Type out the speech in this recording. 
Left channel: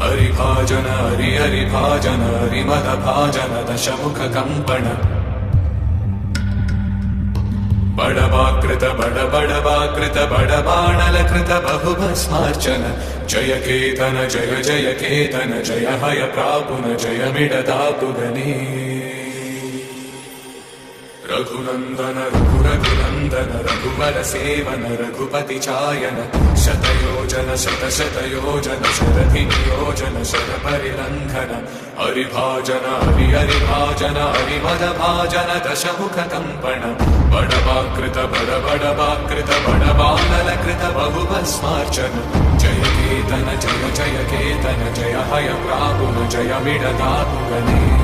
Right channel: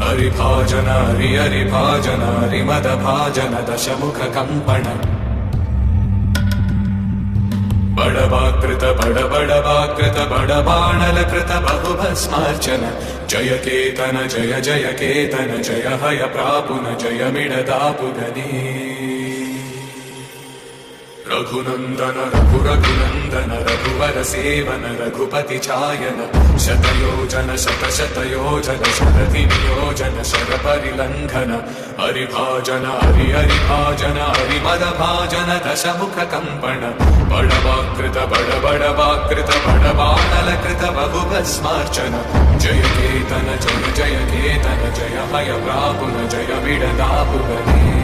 हरिभाजन हरिभाजन हरिमदभाजन दशमुख कंपन बड़वाकृत बड़बड़वाकृत बड़बाणलकृत बहुभस्मार्चन जय केतन जय केतन जय हय प्रापुन जय मिडदापुगने रघुनंदन रघुरघुनंदन रघुवर सेवन रघुपति चायन शतयोजन शतशतयोजन शरधि नियोजन शरपरिलंघन हरिभाजन हरिभाजन हरिमदभाजन दशमुख कंपन बड़वाकृत बड़बड़वाकृत बड़बाणलकृत बहुभस्मार्चन जय केतन जय केतन जय हय प्रापुन जय मिडदापुगने